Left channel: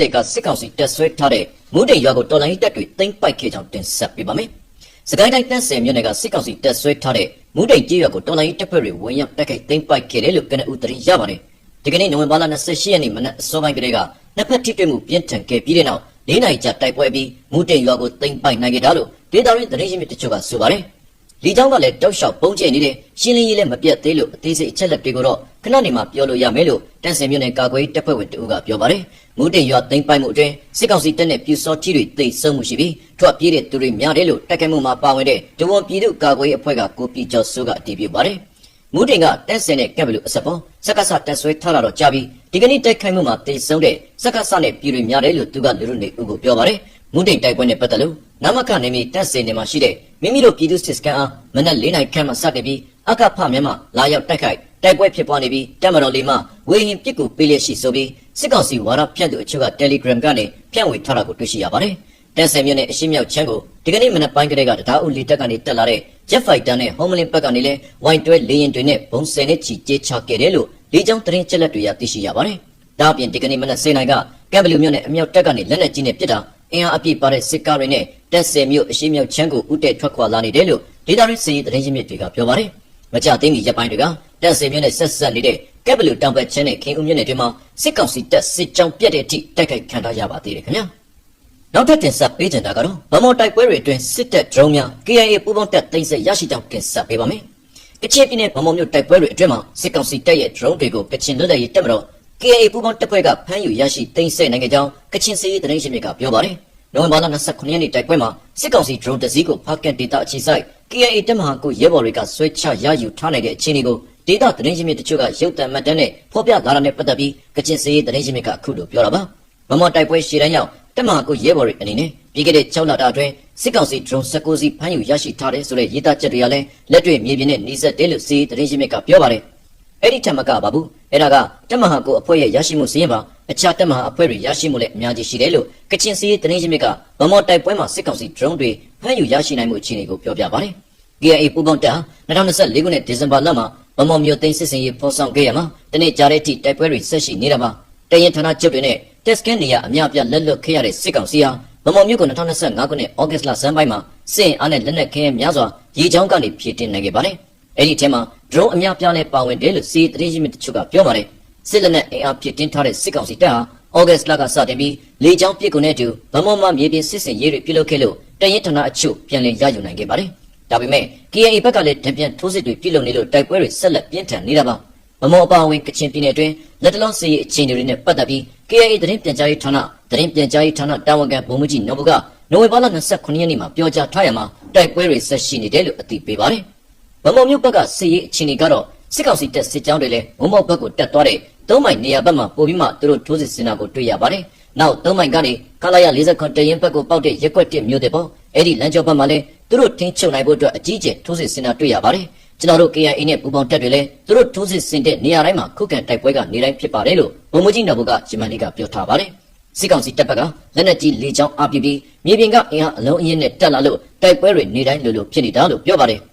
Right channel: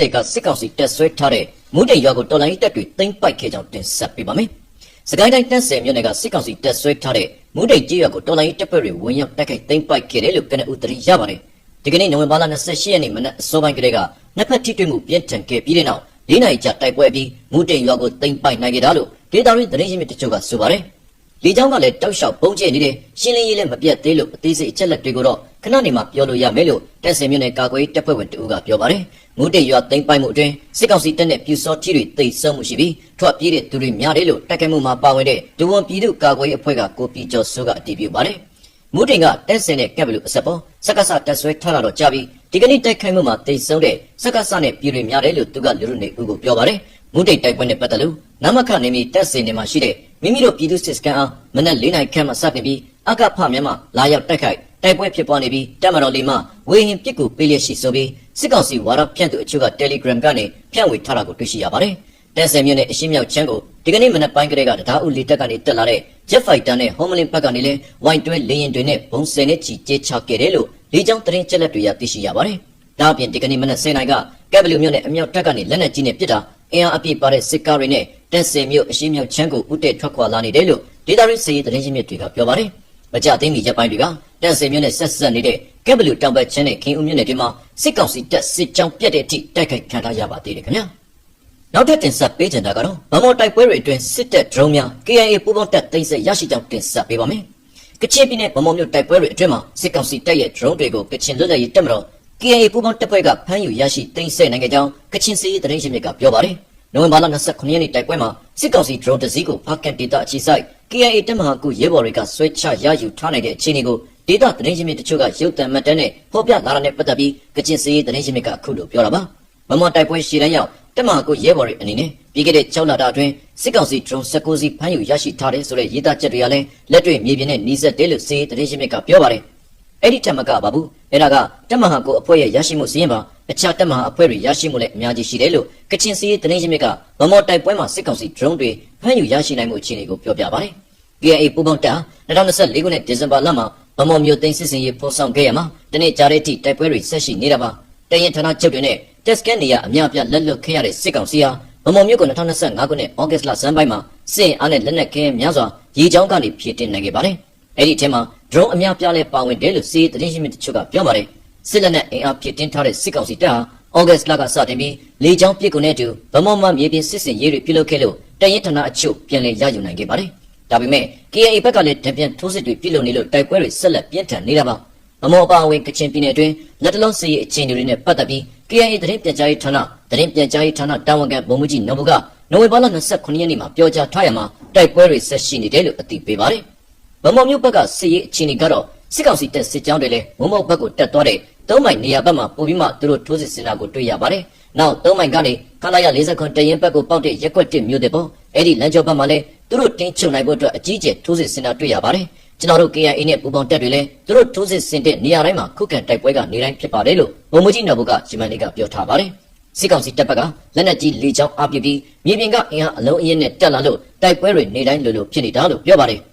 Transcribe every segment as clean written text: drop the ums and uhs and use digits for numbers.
20ကစစ်ကောင်စီတက်ဆွဲထားတဲ့မူးတိမ်ရွာကိုတော်လိုင်းတပ်တွေသိမ်းပိုက်ခဲ့ကြောင်းတင်ဆက်ပေးပါမယ်။စကိုင်းတိုင်း30မြို့နယ်ကစစ်ကောင်စီတက်ဆွဲထားတဲ့မူးတိမ်ကျေးရွာကိုတော်လိုင်းတပ်ဖွဲ့တွေဝင်ရောက်တိုက်ခိုက်သိမ်းပိုက်ခဲ့တယ်လို့ကနဦးသတင်းရပါတယ်။ဒီကနေ့နိုဝင်ဘာလ28ရက်နေ့မနက်အစောပိုင်းကလေးကနှစ်ဖက်ထိတွေ့မှုပြင်းထန်ခဲ့ပြီးတဲ့နောက်၄နာရီကြာတိုက်ပွဲပြီးမူးတိမ်ရွာကိုသိမ်းပိုက်နိုင်ခဲ့တာလို့ဒေသရင်းသတင်းရင်းမြစ်တချို့ကဆိုပါတယ်။လေကြောင်းကလည်းတောက်လျှောက်ပုံကျဲနေတဲ့ရှင်းလင်းရေးလည်းမပြတ်သေးလို့အသေးစိတ်အချက်လက်တွေကိုတော့ခဏနေမှပြောလို့ရမယ်လို့တက်စင်မြို့နယ်ကာကွယ်တပ်ဖွဲ့ဝင်တို့ကပြောပါတယ်။မူးတိမ်ရွာသိမ်းပိုက်မှုအတွင်းစစ်ကောင်စီတပ်နဲ့ပြူစောကြီးတွေတိတ်ဆုံမှုရှိပြီးထွက်ပြေးတဲ့သူတွေများတယ်လို့တိုက်ခိုက်မှုမှာပါဝင်တဲ့ဒုဝန်ပြည်သူ့ကာကွယ်ရေးအဖွဲ့ကကိုပြည်ကျော်စိုးကအတည်ပြုပါတယ်။မူးတိမ်ကတက်စင်နဲ့ကပ်ဘလူအစပေါ်စက္ကစတက်ဆွဲထားတာတော့ကြာပြီးဒီကနေ့တိုက်ခိုက်မှုမှာတိတ်ဆုံတဲ့စက္ကစနဲ့ပြည်တွေများတယ်လို့သူကလူလူနေဦးကိုပြောပါတယ်။မူးတိမ်တိုက်ပွဲနဲ့ပတ်သက်လို့နမခနယ်မြေတက်စင်တွေမှာရှိတဲ့မိမိတို့ပြည်သူစစ်စခန်းအားမနက်၄နာရီခန့်မှစတင်ပြီးအကဖမြန်မာလာရောက်တိုက်ခိုက်တိုက်ပွဲဖြစ်ပွားနေပြီးတပ်မတော်လေးမှဝေဟင်ပစ်ကူပေးလျက်ရှိဆိုပြီးစစ်ကောင်စီဝါဒဖြန့်သူအချို့က Telegram ကနေဖြန့်ဝေထားတာကိုတွေ့ရှိရပါတယ်။တန်ဆယ်မြို့နယ်အရှေ့မြောက်ချမ်းကိုဒီကနေ့မနက်ပိုင်းကတည်းကတရားဥလီတပ်ကနေတက်လာတဲ့ Jet Fighter နဲ့ Homeland ဘက်ကနေလည်းဝိုင်တွဲလေရင်တွေနဲ့ဘုံစင်နဲ့ချီကျဲချခဲ့တယ်လို့လေကြောင်းသတင်းချက်လက်တွေရသိရှိရပါတယ်။ဒါအပြင်ဒီကနေ့မနက်10:00နာရီကကပ်ဘလူမြို့နယ်အမြောက်တပ်ကနေလက်နက်ကြီးနဲ့ပစ်တာအင်အားအပြည့်ပါတဲ့စစ်ကားတွေနဲ့တက်ဆယ်မြို့အရှေ့မြောက်ချမ်းကိုဥတဲထွက်ခွာလာနေတယ်လို့ဒေသရင်းစစ်ရေးသတင်းရင်းမြစ်တွေကပြောပါတယ်။မကြသေးမီရက်ပိုင်းတွေကတက်ဆယ်မြို့နဲ့ဆက်ဆက်နေတဲ့ကပ်ဘလူတောင်ဘက်ချမ်းနဲ့ခင်ဦးမြို့နယ်တွေမှာစစ်ကောင်စီတပ်စစ်ကြောင်းပြတ်တဲ့အထိတိုက်ခိုက်ခံထားရပါသေးတယ်ခင်ဗျာ။နောက်ထပ်တင်ဆက်ပေးကြတာကတော့ဗမော်တိုက်ပွဲတွေအတွင်းစစ်တပ်ဒရုန်းများ KIA ပူးပေါင်းတပ်သိမ်းဆည်းရရှိကြောင်းတင်ဆက်ပေးပါမယ်။ကချင်ပြည်နယ်ဗမော်မြို့တိုက်ပွဲတွေအတွင်းမှာစစ်ကောင်စီတပ်ရဲ့ဒရုန်းတွေကိုကချင်လွတ်လပ်ရေးတပ်မတော် KIA ပူးပေါင်းတပ်ဖွဲ့ကဖမ်းယူရရှိသိမ်းဆည်းနိုင်ခဲ့ကြောင်းကချင်စစ်ရေးသတင်းရင်းမြစ်ကပြောပါတယ်။နိုဝင်ဘာလ29ရက်နေ့တိုက်ပွဲမှာစစ်ကောင်စီဒရုန်းတစ်စီးကိုဖားကတ်ဒေတာအခြေစိုက် KIA တပ်မဟာကုရဲဘော်တွေကဆွဲချရယူထားနိုင်တဲ့အခြေအနေကိုဒေတာသတင်းရင်းမြစ်တချို့ကရုပ်သံမှတ်တမ်းနဲ့ဖော်ပြလာတာနဲ့ပတ်သက်ပြီးကချင်စစ်ရေးသတင်းရင်းမြစ်ကအခုလိုပြောတာပါ။မမတိုက်ပွဲရှေ့တန်းရောက်တပ်မဟာကုရဲဘော်တွေအနေနဲ့ပြီးခဲ့တဲ့6လတာအတွင်းစစ်ကောင်စီဒရုန်း19စီးဖမ်းယူရရှိထားတဲ့ဆိုတဲ့ရေးသားချက်တွေကလည်းလက်တွေ့မြေပြင်နဲ့နှီးစပ်တယ်လို့စစ်ရေးသတင်းရင်းမြစ်ကပြောပါတယ်။အဲ့ဒီထက်မကပါဘူး။အဲ့ဒါကတပ်မဟာကုအဖွဲ့ရဲ့ရရှိမှုစည်းရင်ပါအခြားတပ်မဟာအဖွဲ့တွေရရှိမှုလည်းအများကြီးရှိတယ်လို့ကချင်စစ်ရေးသတင်းရင်းမြစ်ကဗမော်တိုက်ပွဲမှာစစ်ကောင်စီဒရုန်းတွေဖမ်းယူရရှိနိုင်မှုအခြေအနေကိုပြောပြပါတယ်။ KIA ပူးပေါင်းတပ်2024ခုနှစ်ဒီဇင်ဘာလမှာဗမော်မြို့သိမ်းစစ်စင်ရေးဖော်ဆောင်ခဲ့ရမှာတနေ့ကြာတဲ့အထိတိုက်ပွဲတွေဆက်ရှိနေတာပါ။တရင်ဌာနချုပ်တွေနဲ့တက်စကန်နေရအများအပြားလက်လွတ်ခဲ့ရတဲ့စစ်ကောင်စီဟာဗမော်မြို့က2025ခုနှစ်ဩဂတ်လဆန်းပိုင်းမှာစစ်အင်အားနဲ့လက်နက်ခဲများစွာရေချောင်းကနေဖြည့်တင်နိုင်ခဲ့ပါတယ်။အဲ့ဒီထဲမှာဒရုန်းအများပြားနဲ့ပါဝင်တယ်လို့စစ်ရေးသတင်းရင်းမြစ်တချို့ကပြောပါတယ်။စစ်လက်နက်အင်အားဖြည့်တင်ထားတဲ့စစ်ကောင်စီတပ်ဟာဩဂတ်လကစတင်ပြီးလေကြောင်းပစ်ကူနဲ့တူဗမော်မှာမြေပြင်စစ်စင်ရေးတွေပြုလုပ်ခဲ့လို့တရင်ဌာနအချို့ပြန်လည်ရယူနိုင်ခဲ့ပါတယ်။ဒါပေမဲ့ KIA ဘက်ကလည်းတံပြန်ထိုးစစ်တွေပြုလုပ်နေလို့တိုက်ပွဲတွေဆက်လက်ပြင်းထန်နေတာပါ။ဗမော်အပါအဝင်ကချင်ပြည်နယ်အတွင်းလက်တလုံးစစ်ရေးအခြေအနေတွေနဲ့ပတ်သက်ပြီး KIA သတင်းပြန်ကြားရေးဌာနတာဝန်ခံဗိုလ်မှူးကြီးနော်ဘူကနိုဝင်ဘာလ29ရက်နေ့မှာပြောကြားထားရမှာတိုက်ပွဲတွေဆက်ရှိနေတယ်လို့အသိပေးပါတယ်။ဗမော်မြို့ဘက်ကစစ်ရေးအခြေအနေကတော့စစ်ကောင်စီတပ်စစ်ကြောင်းတွေလည်းဗမော်ဘက်ကိုတက်သွားတဲ့3မိုင်နေရာဘက်မှာပို့ပြီးမှသူတို့ထိုးစစ်ဆင်တာကိုတွေ့ရပါတယ်။နောက်3မိုင်ကနေကလာရ49တရင်ဘက်ကိုပေါက်တဲ့ရက်ွက်တစ်မြို့တွေပေါ့အဲ့ဒီလမ်းကျော်ဘက်မှာလည်းသူတို့တင်းချုပ်နိုင်ဖို့အတွက်အကြီးကျယ်ထိုးစစ်ဆင်တာတွေ့ရပါတယ်။ကျွန်တော်တို့ KIA နဲ့ပူးပေါင်းတပ်တွေလည်းသူတို့ထိုးစစ်ဆင်တဲ့နေရာတိုင်းမှာခုခံတိုက်ပွဲကနေတိုင်းဖြစ်ပါတယ်လို့ဗိုလ်မှူးကြီးနော်ဘူကဂျမန်လေးကပြောထားပါတယ်။စစ်ကောင်စီတပ်ဘက်ကလက်နက်ကြီးလေကြောင်းအပြည့်ပြီးမြေပြင်ကအင်အားအလုံးအင်းနဲ့တက်လာလို့တိုက်ပွဲတွေနေတိုင်းလိုဖြစ်နေတာလို့ပြောပါတယ်။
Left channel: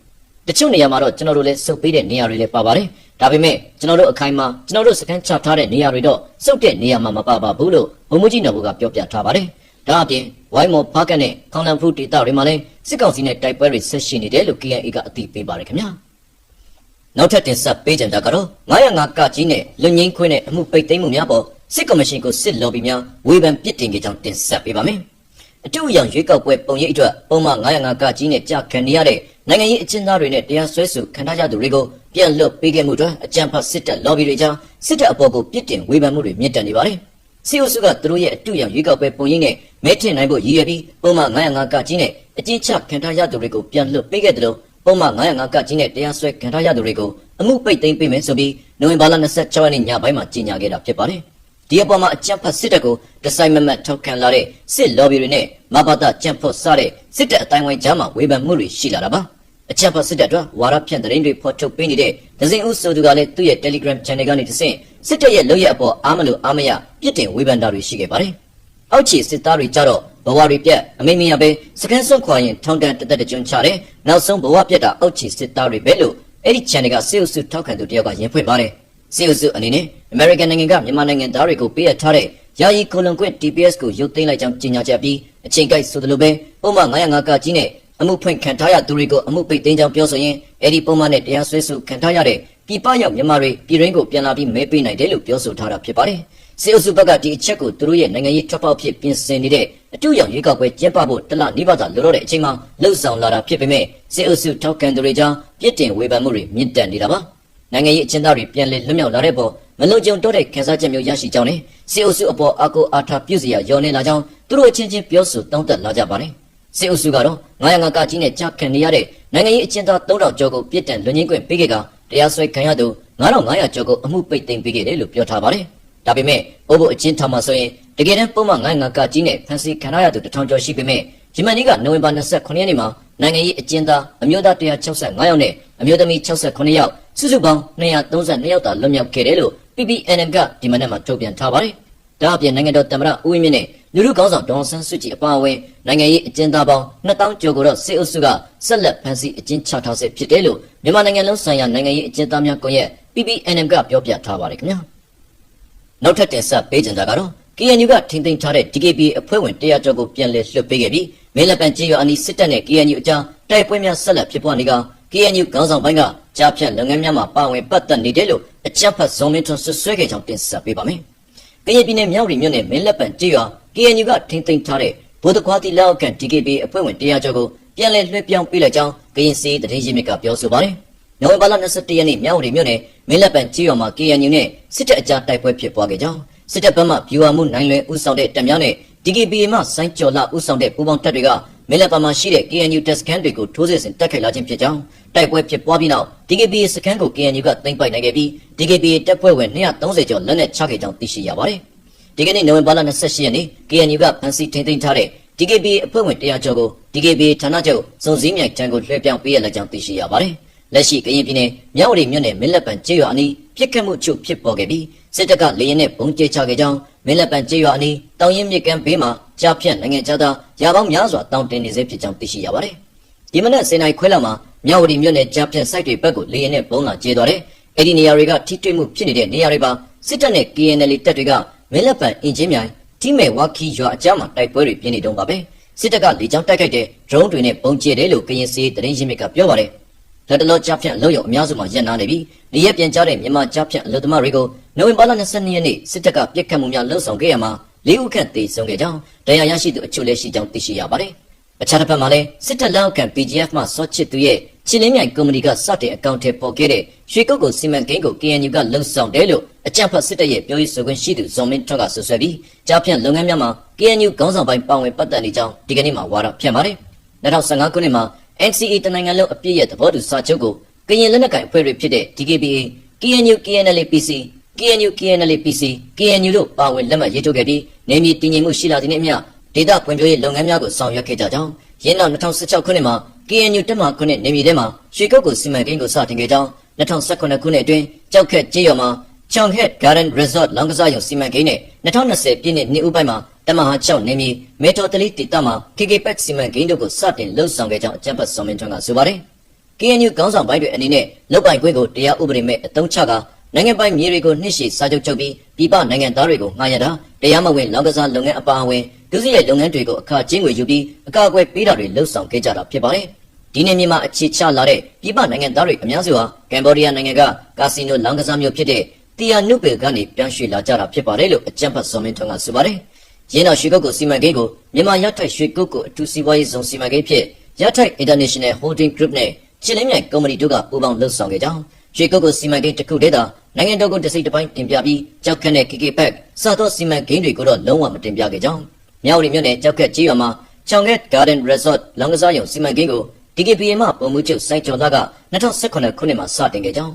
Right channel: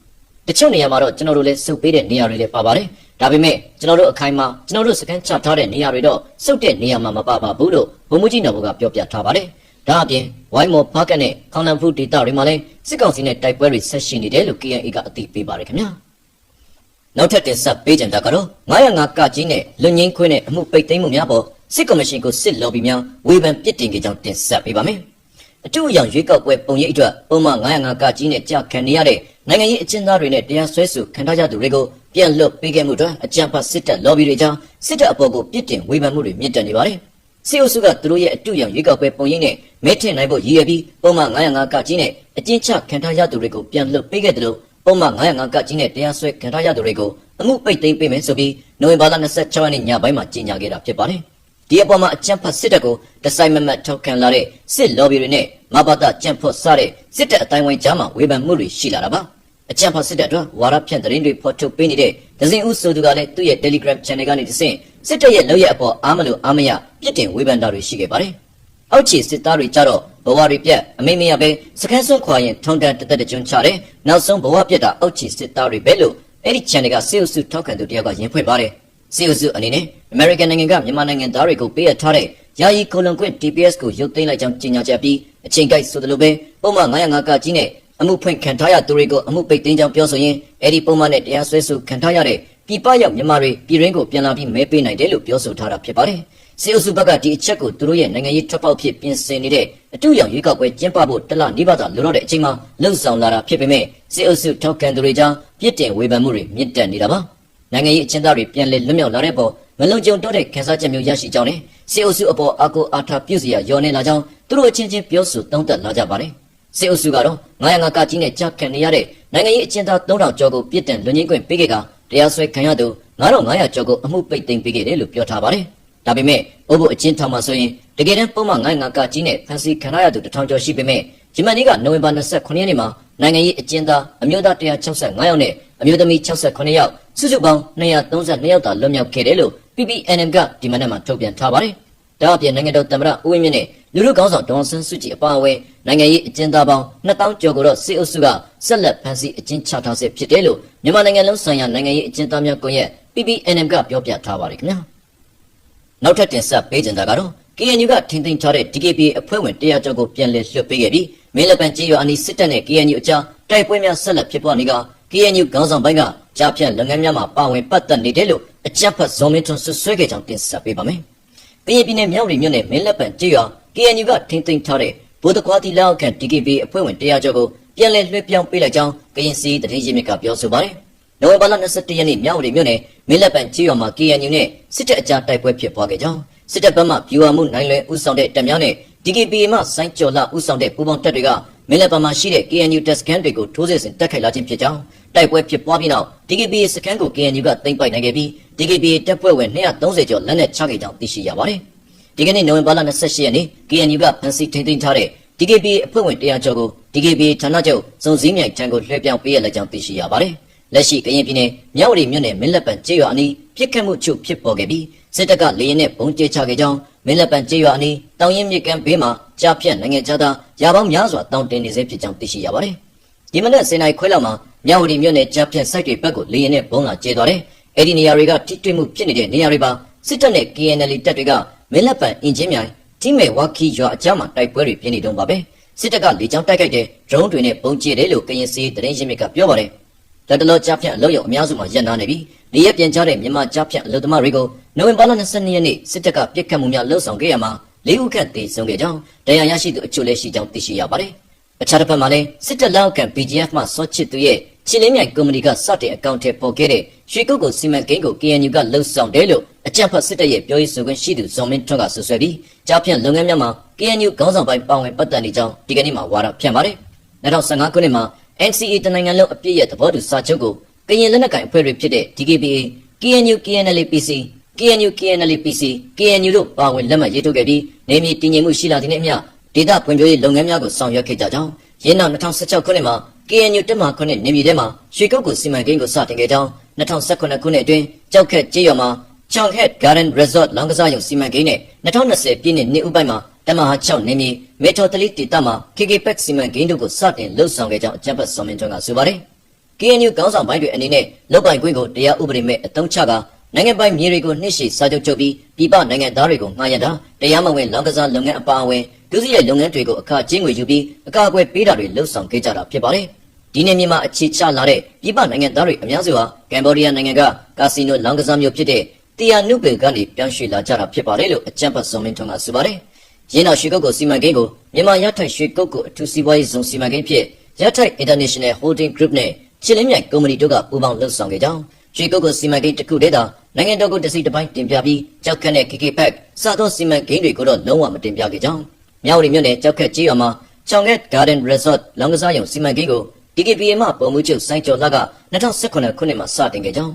တချို့နေရာမှာတော့ကျွန်တော်တို့လည်းစုပ်ပေးတဲ့နေရာတွေလည်းပါပါတယ်။ဒါပေမဲ့ကျွန်တော်တို့အခိုင်အမာကျွန်တော်တို့စကန်ချထားတဲ့နေရာတွေတော့စုပ်တဲ့နေရာမှာမပါပါဘူးလို့ဗိုလ်မှူးကြီးနော်ဘူကပြောပြထားပါတယ်။ဒါအပြင်ဝိုင်းမော်ဖားကတ်နဲ့ခေါလန်ဖူးဒေသတွေမှာလည်းစစ်ကောင်စီနဲ့တိုက်ပွဲတွေဆက်ရှိနေတယ်လို့ KIA ကအသိပေးပါတယ်ခင်ဗျာ။နောက်ထပ်တင်ဆက်ပေးကြတာကတော့905ကကြီးနဲ့လွန်ငင်းခွဲနဲ့အမှုပိတ်သိမ်းမှုများပေါ်စစ်ကော်မရှင်ကိုစစ်လော်ဘီများဝေဖန်ပစ်တင်ကြကြောင်းတင်ဆက်ပေးပါမယ်။အထူးအရန်ရွေးကောက်ပွဲပုံရိပ်အတွက်ပုံမှန်905ကကြီးနဲ့ကြာခံနေရတဲ့နိုင်ငံရေးအကျဉ်းသားတွေနဲ့တရားစွဲဆိုခံထားရသူတွေကိုပြန်လွှတ်ပေးခဲ့မှုအတွက်အကြံဖတ်စစ်တပ်လော်ဘီတွေကြားစစ်တပ်အပေါ်ကိုပစ်တင်ဝေဖန်မှုတွေမြင့်တက်နေပါတယ်။စစ်အုပ်စုကသူတို့ရဲ့အထူးအရန်ရွေးကောက်ပွဲပုံရိပ်နဲ့မဲထင်နိုင်ဖို့ရည်ရွယ်ပြီးပုံမှန်905ကကြီးနဲ့အကျဉ်းချခံထားရသူတွေကိုပြန်လွှတ်ပေးခဲ့တယ်လို့ပုံမှန်905ကကြီးနဲ့တရားစွဲခံထားရသူတွေကိုအမှုပိတ်သိမ်းပေးမယ်ဆိုပြီးနိုဝင်ဘာလ26ရက်နေ့ညပိုင်းမှာကြေညာခဲ့တာဖြစ်ပါတယ်။ဒီအပေါ်မှာအကြမ်းဖက်စစ်တပ်ကိုတစိုက်မမတ်ထောက်ခံလာတဲ့စစ်လော်ဘီတွေနဲ့မဘာသာကြမ်းဖော်စားတဲ့စစ်တပ်အတိုင်းဝိုင်းကြားမှာဝေဖန်မှုတွေရှိလာတာပါ။အကြမ်းဖက်စစ်တပ်အတွက်ဝါဒဖြန့်သတင်းတွေဖော်ထုတ်ပေးနေတဲ့ဒဇင်ဦးဆိုသူကလည်းသူ့ရဲ့ Telegram Channel ကနေတဆင့်စစ်တပ်ရဲ့လုပ်ရက်အပေါ်အားမလို့အားမရပြစ်တင်ဝေဖန်တာတွေရှိခဲ့ပါတယ်။အောက်ခြေစစ်သားတွေကြတော့ဘဝတွေပြတ်အမိမရပဲစကန်စွန့်ခွာရင်ထုံတန်းတသက်တကြွချတယ်။နောက်ဆုံးဘဝပြတ်တာအောက်ခြေစစ်သားတွေပဲလို့အဲ့ဒီ channel ကစစ်အုပ်စုထောက်ခံသူတယောက်ကရင်ဖွင့်ပါတယ်။စစ်အုပ်စုအနေနဲ့ American နိုင်ငံကမြန်မာနိုင်ငံသားတွေကိုပေးအပ်ထားတဲ့ ယာယီကိုလွန်ခွင့် DPS ကိုရုပ်သိမ်းလိုက်ကြောင်းကြေညာချက်ပြီးအချိန်ကိုက်ဆိုသလိုပဲပုံမှန်905ကကြီးနဲ့အမှုဖွင့်ခံထားရသူတွေကိုအမှုပိတ်သိမ်းကြောင်းပြောဆိုရင်အဲ့ဒီပုံမှန်နဲ့တရားစွဲဆိုခံထားရတဲ့ပြည်ပရောက်မြန်မာတွေပြည်ရင်းကိုပြန်လာပြီးမဲပေးနိုင်တယ်လို့ပြောဆိုထားတာဖြစ်ပါတယ်။စေအုပ်စုဘက်ကဒီအချက်ကိုသူတို့ရဲ့နိုင်ငံရေးထွက်ပေါက်ဖြစ်ပြင်ဆင်နေတဲ့အတူရောင်ရွေးကောက်ပွဲကျင်းပဖို့တလနီးပါးသာလိုတော့တဲ့အချိန်မှာလှုပ်ဆောင်လာတာဖြစ်ပေမဲ့စေအုပ်စုထောက်ခံသူတွေကြားပြစ်တင်ဝေဖန်မှုတွေမြင့်တက်နေတာပါ။နိုင်ငံရေးအကျဉ်းသားတွေပြန်လည်လွတ်မြောက်လာတဲ့ပေါ်မလုံခြုံတော့တဲ့ခန်းစားချက်မျိုးရရှိကြောင်းနဲ့စေအုပ်စုအပေါ်အာကိုအာထာပြုစရာရောနေလာကြောင်းသူတို့အချင်းချင်းပြောဆိုတောင်းတလာကြပါတယ်။စေအုပ်စုကတော့905ကကြီးနဲ့ကြောက်ခံနေရတဲ့နိုင်ငံရေးအကျဉ်းသား3000ကျော်ကိုပြစ်ဒဏ်လွတ်ငြိမ်းခွင့်ပေးခဲ့ကတရားစွဲခံရသူ9500ကျော်ကိုအမှုပိတ်သိမ်းပေးခဲ့တယ်လို့ပြောထားပါတယ်။ဒါပေမဲ့အိုဘိုအကျဉ်းထောင်မှာဆိုရင်တကယ်တမ်းပုံမှန်905ကကြီးနဲ့ဖန်စီခံရသူ1000ကျော်ရှိပေမဲ့ဂျမန်နီကနိုဝင်ဘာ29ရက်နေ့မှာနိုင်ငံရေးအကျဉ်းသားအမျိုးသား165ယောက်နဲ့အမျိုးသမီး68ယောက်စုစုပေါင်း232ယောက်သာလွတ်မြောက်ခဲ့တယ်လို့ PPNM ကဒီမနက်မှာထုတ်ပြန်ထားပါတယ်။ဒါအပြင်နိုင်ငံတော်သမ္မတဦးဝင်းမြင့်နဲ့လူထုခေါင်းဆောင်ဒေါ်အောင်ဆန်းစုကြည်အပါအဝင်နိုင်ငံရေးအကျဉ်းသားပေါင်း2000ကျော်ကိုတော့စစ်အုပ်စုကဆက်လက်ဖမ်းဆီးအကျဉ်းချထားဆဲဖြစ်တယ်လို့မြန်မာနိုင်ငံလုံးဆိုင်ရာနိုင်ငံရေးအကျဉ်းသားများကွန်ရက် PPNM ကပြောပြထားပါတယ်ခင်ဗျာ။နောက်ထပ်တင်ဆက်ပေးကြတာကတော့ KNU ကထိန်းသိမ်းထားတဲ့ DKB အဖွဲ့ဝင်100ကျော်ကိုပြန်လည်လွှတ်ပေးခဲ့ပြီးမင်းလက်ပံကြေးရွာအနီးစစ်တပ်နဲ့ KNU အကြားတိုက်ပွဲများဆက်လက်ဖြစ်ပွားနေက KNU ခေါင်းဆောင်ပိုင်းကကြားဖြတ်လုပ်ငန်းများမှာပါဝင်ပတ်သက်နေတယ်လို့အကြမ်းဖက်ဇော်မင်းထွန်းဆွဆွဲခဲ့ကြောင်းတင်ဆက်ပေးပါမယ်။ကရင်ပြည်နယ်မြောက်ရီမြို့နယ်မင်းလက်ပံကြေးရွာ KNU ကထိန်းသိမ်းထားတဲ့ဗိုလ်တခွားတီလက်အောက်ခံ DKB အဖွဲ့ဝင်100ကျော်ကိုပြန်လည်လွှဲပြောင်းပေးလိုက်ကြောင်းကရင်စီသတင်းရင်းမြစ်ကပြောဆိုပါတယ်။နိုဝင်ဘာလ21ရက်နေ့မြောက်ရီမြို့နယ်မင်းလက်ပံကြေးရွာမှာ KNU နဲ့စစ်တပ်အကြားတိုက်ပွဲဖြစ်ပွားခဲ့ကြောင်းစစ်တပ်ဘက်မှဗျူဟာမှုနိုင်လွယ်ဦးဆောင်တဲ့တပ်များနဲ့ DKB မှစိုင်းကျော်လာဦးဆောင်တဲ့ပူးပေါင်းတပ်တွေကမင်းလက်ပံမှာရှိတဲ့ KNU တပ်စခန်းတွေကိုထိုးစစ်ဆင်တိုက်ခိုက်လာခြင်းဖြစ်ကြောင်းတိုက်ပွဲဖြစ်ပွားပြီးနောက် DKB စခန်းကို KNU ကသိမ်းပိုက်နိုင်ခဲ့ပြီး DKB တပ်ဖွဲ့ဝင်230ကျော်လက်နက်ချခဲ့ကြောင်းသိရှိရပါတယ်။ဒီကနေ့နိုဝင်ဘာလ28ရက်နေ့ KNU ကဖမ်းဆီးထိန်းသိမ်းထားတဲ့ DKB အဖွဲ့ဝင်100ကျော်ကို DKB ဌာနချုပ်စုံစည်းမြိုင်တန်းကိုလွှဲပြောင်းပေးရလက်ကြောင်းသိရှိရပါတယ်။လက်ရှိကရင်ပြည်နယ်မြောက်ရီမြို့နယ်မင်းလက်ပံကြေးရွာအနီးပြစ်ခတ်မှုချုပ်ဖြစ်ပေါ်ခဲ့ပြီးစစ်တပ်ကလေရင်နဲ့ပုံကျဲချခဲ့ကြောင်းမင်းလက်ပံကြေးရွာအနီးတောင်ရင်မြစ်ကမ်းဘေးမှာကြားဖြတ်နိုင်ငံခြားသားရာပေါင်းများစွာတောင်းတင်နေစေဖြစ်ကြောင်းသိရှိရပါတယ်။ဒီမနက်7:00နာရီခွဲလောက်မှာမြောက်ရီမြို့နယ်ကြားဖြတ်စိုက်တွေဘက်ကိုလေရင်နဲ့ပုံလာကျဲသွားတယ်။အဲ့ဒီနေရာတွေကထိတွေ့မှုဖြစ်နေတဲ့နေရာတွေပါစစ်တပ်နဲ့ KNL တပ်တွေကမင်းလက်ပံအင်ဂျင်မြိုင်တိမဲဝါခီရွာအကြားမှာတိုက်ပွဲတွေပြင်းနေတုန်းပါပဲ။စစ်တပ်ကလေကြောင်းတိုက်ခိုက်တဲ့ drone တွေနဲ့ပုံကျဲတယ်လို့ကရင်စီသတင်းရင်းမြစ်ကပြောပါတယ်။ဒါတလောကြားဖြတ်အလောက်ရောက်အများစုမှာရပ်နာနေပြီးနေရပြန်ကြတဲ့မြန်မာကြားဖြတ်အလုပ်သမားတွေကိုနိုဝင်ဘာလ22ရက်နေ့စစ်တပ်ကပြစ်ခတ်မှုများလှုံ့ဆော်ခဲ့ရမှာ၄ဦးခန့်သေဆုံးခဲ့ကြောင်းတရားရရှိသူအချို့လည်းရှိကြောင်းသိရှိရပါတယ်။အခြားတစ်ဖက်မှာလည်းစစ်တပ်လက်အောက်ခံ PGF မှစောချစ်သူရဲ့ချင်းလင်းမြိုင်ကုမ္ပဏီကစတင်အကောင့်ထဲပေါ်ခဲ့တဲ့ရွှေကုတ်ကိုစီမံကိန်းကို KNU ကလှုံ့ဆော်တယ်လို့အကြမ်းဖက်စစ်တပ်ရဲ့ပြောရေးဆိုခွင့်ရှိသူဇော်မင်းထွန်းကဆွဆွဲပြီးကြားဖြတ်လုပ်ငန်းများမှာ KNU ခေါင်းဆောင်ပိုင်းပါဝင်ပတ်သက်နေကြောင်းဒီကနေ့မှာဝါဒဖြန့်ပါတယ်။2015ခုနှစ်မှာ NCA တနိုင်ငံလုံးအပြည့်ရဲ့သဘောတူစာချုပ်ကိုကရင်လက်နက်ကိုင်အဖွဲ့တွေဖြစ်တဲ့ DKBA, KNU, KNLA-PC, KNU, KNLA-PC, KNU တို့ပါဝင်လက်မှတ်ရေးထိုးခဲ့ပြီးနေမြေတည်ငြိမ်မှုရှိလာတဲ့နေ့အမျှဒေသဖွံ့ဖြိုးရေးလုပ်ငန်းများကိုဆောင်ရွက်ခဲ့ကြကြောင်းရင်းနောက်2016ခုနှစ်မှာ KNU တက်မှ9နေမြေထဲမှာရွှေကုတ်ကိုစီမံကိန်းကိုစတင်ခဲ့ကြောင်း2019ခုနှစ်အတွင်းကြောက်ခက်ကြေးရွာမှာ Chonghet Garden Resort လောင်းကစားရုံစီမံကိန်းနဲ့2020ပြည့်နှစ်ဦးပိုင်းမှာတမဟာ6နေမြေမေတိုတလီတီတာမှာ KKPEC စီမံကိန်းတို့ကိုစတင်လှုပ်ဆောင်ခဲ့ကြောင်းအကြမ်းဖက်စော်မင်းထွန်းကဆိုပါတယ်။ KNU ခေါင်းဆောင်ပိုင်းတွေအနေနဲ့လုပ်ပိုင်ခွင့်ကိုတရားဥပဒေမဲ့အသုံးချကနိုင်ငံပိုင်မြေတွေကိုနှိမ့်ရှည်စာချုပ်ချုပ်ပြီးပြည်ပနိုင်ငံသားတွေကိုငှားရမ်းတာတရားမဝင်လောင်းကစားလုပ်ငန်းအပါအဝင်ဒုစရိုက်လုပ်ငန်းတွေကိုအခကြေးငွေယူပြီးအကာအကွယ်ပေးတာတွေလှုပ်ဆောင်ခဲ့ကြတာဖြစ်ပါတယ်။ဒီနေ့မြန်မာအခြေချလာတဲ့ပြည်ပနိုင်ငံသားတွေအများစုဟာကမ်ဘောဒီးယားနိုင်ငံကကာစီနိုလောင်းကစားမျိုးဖြစ်တဲ့တီယာနုပေကနေပြောင်းရွှေ့လာကြတာဖြစ်ပါတယ်လို့အကြမ်းဖက်စော်မင်းထွန်းကဆိုပါတယ်။ရင်းနောက်ရွှေကုတ်ကိုစီမံကိန်းကိုမြန်မာရထိုက်ရွှေကုတ်ကိုအထူးစီးပွားရေးဇုံစီမံကိန်းဖြစ်ရထိုက် International Holding Group နဲ့ချင်းလင်းမြိုင်ကုမ္ပဏီတို့ကပူးပေါင်းလှုပ်ဆောင်ခဲ့ကြောင်းရွှေကုတ်ကိုစီမံကိန်းတစ်ခုတည်းသာနိုင်ငံတော်ကိုတစ်စိတ်တစ်ပိုင်းတင်ပြပြီးကြောက်ကက်နဲ့ KKPEC စသောစီမံကိန်းတွေကိုတော့လုံးဝမတင်ပြခဲ့ကြောင်းမြောက်ရီမြို့နယ်ကြောက်ကက်ကြီးရွာမှာ Chonghet Garden Resort လောင်းကစားရုံစီမံကိန်းကို DKBA မှပုံမှုချုပ်စိုင်းကျော်လာက2018ခုနှစ်မှာစတင်ခဲ့ကြောင်း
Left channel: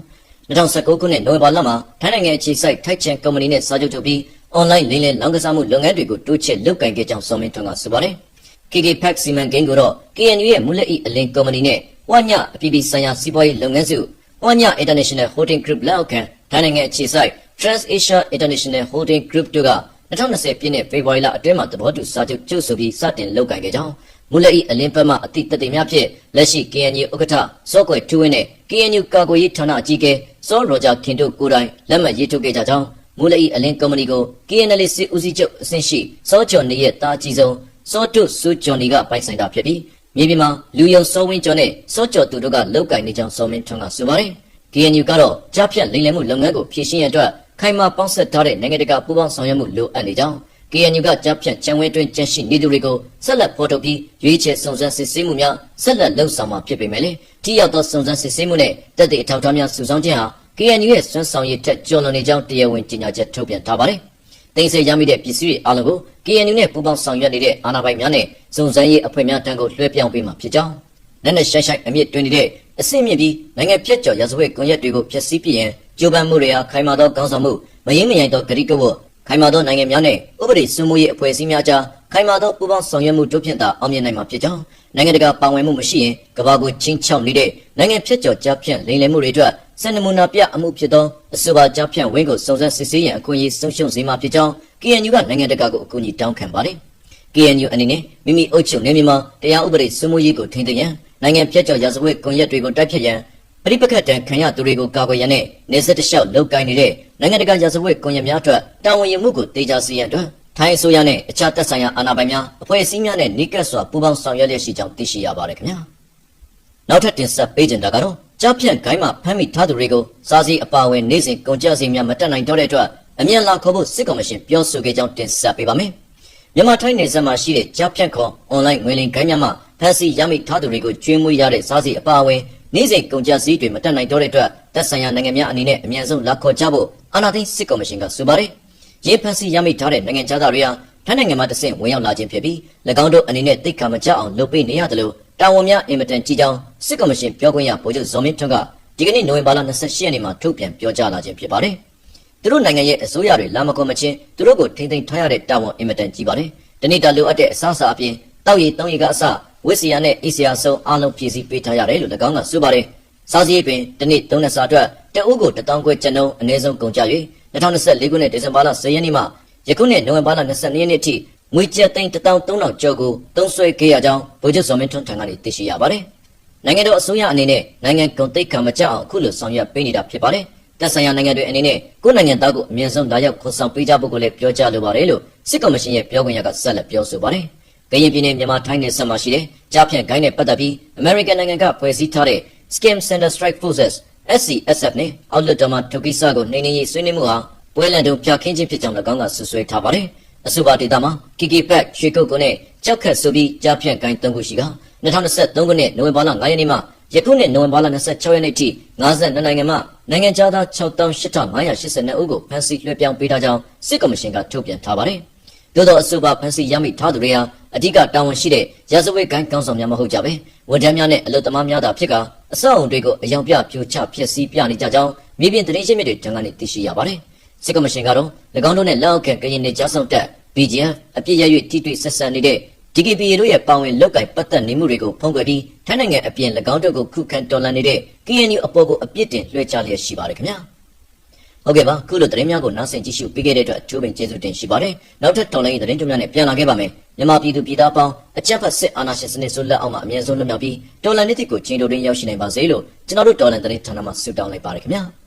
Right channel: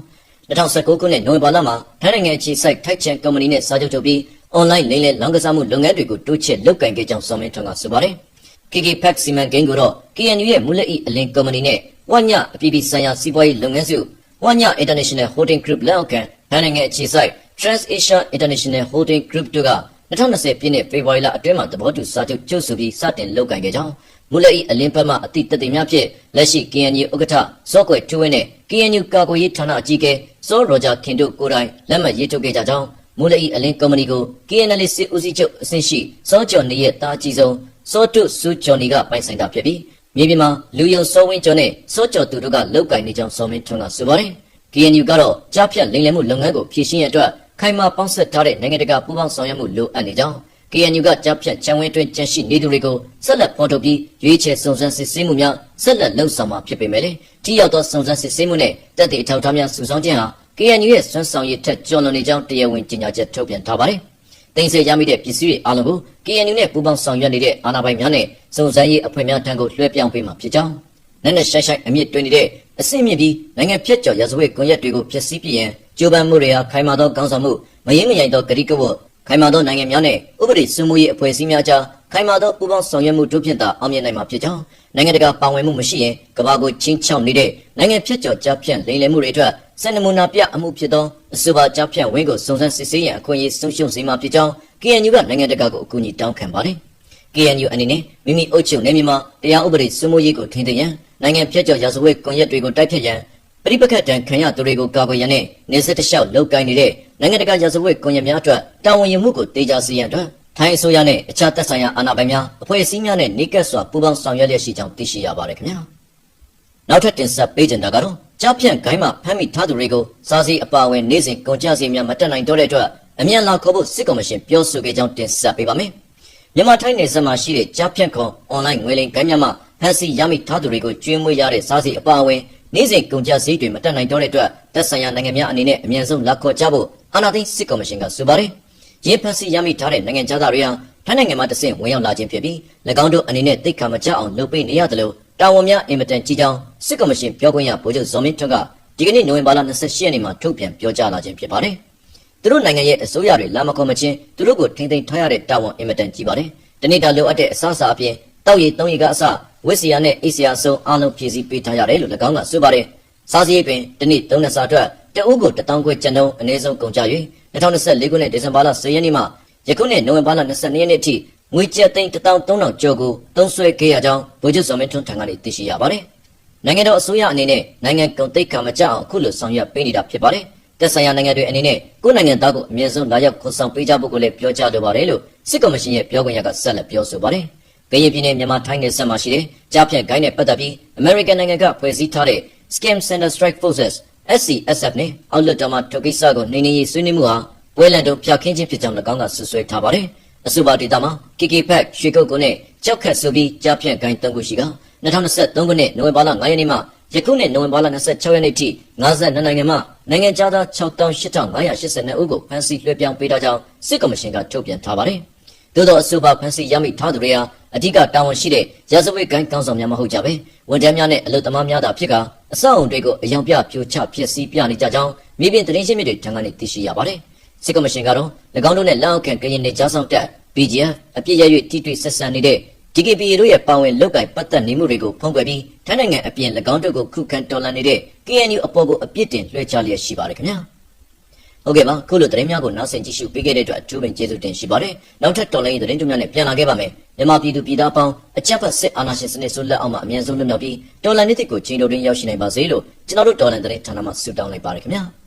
2019ခုနှစ်နိုဝင်ဘာလမှာထိုင်းနိုင်ငံအခြေစိုက်ထိုက်ချန်ကုမ္ပဏီနဲ့စာချုပ်ချုပ်ပြီး online လိမ်လည်လောင်းကစားမှုလုပ်ငန်းတွေကိုတိုးချဲ့လုပ်ကိုင်ခဲ့ကြောင်းစော်မင်းထွန်းကဆိုပါတယ်။ KKPEC စီမံကိန်းကိုတော့ KNU ရဲ့မူလက်ဤအလင်းကုမ္ပဏီနဲ့ဝညအပြည်ပြည်ဆိုင်ရာစီးပွားရေးလုပ်ငန်းစုဝည International Holding Group လက်အောက်ခံထိုင်းနိုင်ငံအခြေစိုက် Trans-Asia International Holding Group တို့က2020ပြည့်နှစ်ဖေဖော်ဝါရီလအတွင်းမှာသဘောတူစာချုပ်ချုပ်ဆိုပြီးစတင်လုပ်ကိုင်ခဲ့ကြောင်းမူလက်ဤအလင်းဘက်မှအသည့်တသက်များဖြင့်လက်ရှိ KNU ဥက္ကဋ္ဌစောကွယ်ထူးဝင်းနဲ့ KNU ကာကွယ်ရေးဌာနအကြီးအကဲစောရောဂျာခင်တို့ကိုယ်တိုင်လက်မှတ်ရေးထိုးခဲ့ကြကြောင်း မူလအီအလင်းကုမ္ပဏီကို KNL စစ်ဦးစီးချုပ်အဆင့်ရှိစောကျော်နေရဲ့တာအကြီးဆုံးစောတုစုကျော်နေကပိုင်ဆိုင်တာဖြစ်ပြီးမြေပြင်မှာလူယုံစောဝင်းကျော်နဲ့စောကျော်သူတို့ကလောက်ကင်နေကြောင်းစောမင်းထွန်းကဆိုပါတယ်။ KNU ကတော့ကြားဖြတ်လိမ်လည်မှုလုပ်ငန်းကိုဖြည့်ရှင်းရန်အတွက်ခိုင်မာပေါင်းစပ်ထားတဲ့နိုင်ငံတကာပူးပေါင်းဆောင်ရွက်မှုလိုအပ်နေကြောင်း KNU ကကြားဖြတ်ချန်ဝဲတွင်ကျက်ရှိနေသူတွေကိုဆက်လက်ဖော်ထုတ်ပြီးရွေးချယ်စုံစမ်းစစ်ဆေးမှုများဆက်လက်လှုပ်ဆောင်မှာဖြစ်ပေမဲ့ထိရောက်သောစုံစမ်းစစ်ဆေးမှုနဲ့တပ်တွေအထောက်အထားများစုဆောင်းခြင်းဟာ KNU ရဲ့စွမ်းဆောင်ရည်ထက်ကျော်လွန်နေကြောင်းတရားဝင်ကြေညာချက်ထုတ်ပြန်ထားပါတယ်။တင်ဆက်ရမိတဲ့ပစ္စည်းတွေအားလုံးကို KNU နဲ့ပူးပေါင်းဆောင်ရွက်နေတဲ့အာဏာပိုင်များနဲ့စုံစမ်းရေးအဖွဲ့များထံကိုလွှဲပြောင်းပေးမှာဖြစ်ကြောင်းနဲ့နဲ့ရှိုင်းအမြင့်တွင်နေတဲ့အဆင့်မြင့်ပြီးနိုင်ငံဖြတ်ကျော်ရာဇဝတ်ကွန်ရက်တွေကိုဖျက်ဆီးပြရင်ကြိုးပမ်းမှုတွေဟာခိုင်မာသောကောင်းဆောင်မှုမရင်းမရိုင်သောဂရိကဝတ်ခိုင်မာသောနိုင်ငံများနဲ့ဥပဒေစိုးမိုးရေးအဖွဲ့အစည်းများကြားခိုင်မာသောပူးပေါင်းဆောင်ရွက်မှုတို့ဖြင့်သာအောင်မြင်နိုင်မှာဖြစ်ကြောင်းနိုင်ငံတကာပါဝင်မှုမရှိရင်ကမ္ဘာကိုချင်းချောက်နေတဲ့နိုင်ငံဖြတ်ကျော်ကြားဖြတ်လိမ်လည်မှုတွေအတွက်စံနမူနာပြအမှုဖြစ်သောအဆိုပါကြားဖြတ်ဝင်းကိုစုံစမ်းစစ်ဆေးရန်အခွင့်အရေးဆုံးရှုံးစေမှာဖြစ်ကြောင်း KNU ကနိုင်ငံတကာကိုအကူအညီတောင်းခံပါတယ်။ KNU အနေနဲ့မိမိအုပ်ချုပ်နေမြန်မာတရားဥပဒေစိုးမိုးရေးကိုထိန်းသိမ်းရန်နိုင်ငံဖြတ်ကျော်ရာဇဝတ်ကွန်ရက်တွေကိုတိုက်ဖျက်ရန်ပရိပက္ခတန်ခံရသူတွေကိုကာကွယ်ရန်နဲ့နေဆက်တလျှောက်လုပ်ကိုင်နေတဲ့နိုင်ငံတကာရာဇဝတ်ကွန်ရက်များအတွက်တာဝန်ယူမှုကိုတေချာစေရန်အတွက်ထိုင်းအစိုးရနဲ့အခြားသက်ဆိုင်ရာအာဏာပိုင်များအဖွဲ့အစည်းများနဲ့နှိကပ်စွာပူးပေါင်းဆောင်ရွက်လျက်ရှိကြောင်းသိရှိရပါတယ်ခင်ဗျာနောက်ထပ်တင်ဆက်ပေးချင်တာကတော့ကြားဖြန့်ဂိုင်းမှာဖမ်းမိထားသူတွေကိုစားစီအပါအဝင်နေ့စဉ်ကုန်ကျစရိတ်များမတက်နိုင်တော့တဲ့အတွက်အမြန်လာခေါ်ဖို့စစ်ကော်မရှင်ပြောဆိုခဲ့ကြောင်းတင်ဆက်ပေးပါမယ်မြန်မာထိုင်းနယ်စပ်မှာရှိတဲ့ကြားဖြန့်ခေါ်အွန်လိုင်းငွေလိမ်ဂိုင်းများမှဖမ်းဆီးရမိထားသူတွေကိုကျွေးမွေးရတဲ့စားစီအပါအဝင်နေ့စဉ်ကုန်ကျစရိတ်တွေမတက်နိုင်တော့တဲ့အတွက်သက်ဆိုင်ရာနိုင်ငံများအနေနဲ့အမြန်ဆုံးလာခေါ်ကြဖို့အာဏာသိမ်းစစ်ကော်မရှင်ကဆိုပါတယ်။ရေးဖန်စီရမိထားတဲ့နိုင်ငံသားတွေဟာထိုင်းနိုင်ငံမှာတဆင့်ဝင်ရောက်လာခြင်းဖြစ်ပြီး၎င်းတို့အနေနဲ့သိက္ခာမကျအောင်လုပ်ပေးနေရတယ်လို့တာဝန်များအင်မတန်ကြီးကြောင်းစစ်ကော်မရှင်ပြောခွင့်ရဗိုလ်ချုပ်ဇော်မင်းထွန်းကဒီကနေ့နိုဝင်ဘာလ28ရက်နေ့မှာထုတ်ပြန်ပြောကြားလာခြင်းဖြစ်ပါတယ်။သူတို့နိုင်ငံရဲ့အစိုးရတွေလာမကုန်မချင်းသူတို့ကိုထိန်းသိမ်းထားရတဲ့တာဝန်အင်မတန်ကြီးပါတယ်။တနေ့တာလိုအပ်တဲ့အစားအစာအပြင်တောက်ရည်သုံးရည်ကအစဝစ်စီယာနဲ့အေးစီယာဆုံးအားလုံးဖြည့်ဆည်းပေးထားရတယ်လို့၎င်းကဆိုပါတယ်။စားစရိတ်ပင်တနေ့3နှစ်စာအတွက်တအုပ်ကို1000ကျပ်ကျပ်နှုန်းအနည်းဆုံးကုန်ကျ၍2024ခုနှစ်ဒီဇင်ဘာလ10ရက်နေ့မှယခုနှစ်နိုဝင်ဘာလ22ရက်နေ့ထိငွေကျပ်သိန်း13000ကျော်ကိုသုံးစွဲခဲ့ရကြောင်းဗိုလ်ချုပ်ဇော်မင်းထွန်းထံကနေသိရှိရပါတယ်။နိုင်ငံတော်အစိုးရအနေနဲ့နိုင်ငံကုန်သိက္ခာမကျအောင်အခုလိုဆောင်ရွက်ပေးနေတာဖြစ်ပါတယ်။သက်ဆိုင်ရာနိုင်ငံတွေအနေနဲ့ကိုယ်နိုင်ငံသားကိုအမြဲဆုံးလာရောက်ခေါ်ဆောင်ပေးကြဖို့ကိုလည်းပြောကြားလိုပါတယ်လို့စစ်ကော်မရှင်ရဲ့ပြောခွင့်ရကဆက်လက်ပြောဆိုပါတယ်။ကရင်ပြည်နယ်မြန်မာထိုင်းနယ်စပ်မှာရှိတဲ့ကြားဖြန့်ဂိုင်းနဲ့ပတ်သက်ပြီး American နိုင်ငံကဖွဲ့စည်းထားတဲ့ Scheme Center Strike Forces SCSF နဲ့အောက်လွှတ်တော်မှာထုတ်ကိစ္စကိုနှိမ်နင်းရေးဆွေးနွေးမှုဟာပွဲလန်တုံဖျက်ခင်းခြင်းဖြစ်ကြောင်း၎င်းကဆွဆွဲထားပါတယ်။အဆိုပါဒေသမှာ KK Pack ရွှေကုတ်ကုန်းနဲ့ကြောက်ခတ်ဆိုပြီးကြားဖြန့်ဂိုင်း3ခုရှိက2023ခုနှစ်နိုဝင်ဘာလ9ရက်နေ့မှယခုနှစ်နိုဝင်ဘာလ26ရက်နေ့ထိ52နိုင်ငံမှနိုင်ငံသား68582ဦးကိုဖမ်းဆီးလွှဲပြောင်းပေးထားကြောင်းစစ်ကော်မရှင်ကထုတ်ပြန်ထားပါတယ်။သို့သောအဆိုပါဖမ်းဆီးရမိထားသူတွေဟာအဓိကတာဝန်ရှိတဲ့ရာဇဝတ်ဂိုင်းကောင်းဆောင်များမဟုတ်ကြပဲဝန်ထမ်းများနဲ့အလုပ်သမားများသာဖြစ်ကအဆောက်အုံတွေကိုအယောင်ပြပြိုချဖျက်ဆီးပြနေကြကြောင်းမြေပြင်သတင်းရှင်းမြစ်တွေထံကနေသိရှိရပါတယ်။စစ်ကော်မရှင်ကတော့၎င်းတို့နဲ့လက်အောက်ခံကရင်နယ်ကြားဆောင်တပ် BGF အပြစ်ရ၍ထိတွေ့ဆက်ဆံနေတဲ့ DKBA တို့ရဲ့ပါဝင်လောက်ကင်ပတ်သက်နေမှုတွေကိုဖုံးကွယ်ပြီးထိုင်းနိုင်ငံအပြင်၎င်းတို့ကိုခုခံတော်လှန်နေတဲ့ KNU အပေါ်ကိုအပြစ်တင်လွှဲချလျက်ရှိပါတယ်ခင်ဗျာ။ဟုတ်ကဲ့ပါခုလိုသတင်းများကိုနားဆင်ကြည့်ရှုပေးခဲ့တဲ့အတွက်အထူးပင်ကျေးဇူးတင်ရှိပါတယ်။နောက်ထပ်တော်လှန်ရေးသတင်းတွေများနဲ့ပြန်လာခဲ့ပါမယ်။မြန်မာပြည်သူပြည်သားပေါင်းအကြမ်းဖက်စစ်အာဏာရှင်စနစ်ဆိုးလက်အောက်မှာအမြင့်ဆုံးလွတ်မြောက်ပြီးတော်လှန်ရေးကိုချိန်တိုတွင်ရောက်ရှိနိုင်ပါစေလို့ကျွန်တော်တို့တော်လှန်သတင်းဌာနမှဆုတောင်းလိုက်ပါတယ်ခင်ဗျာ။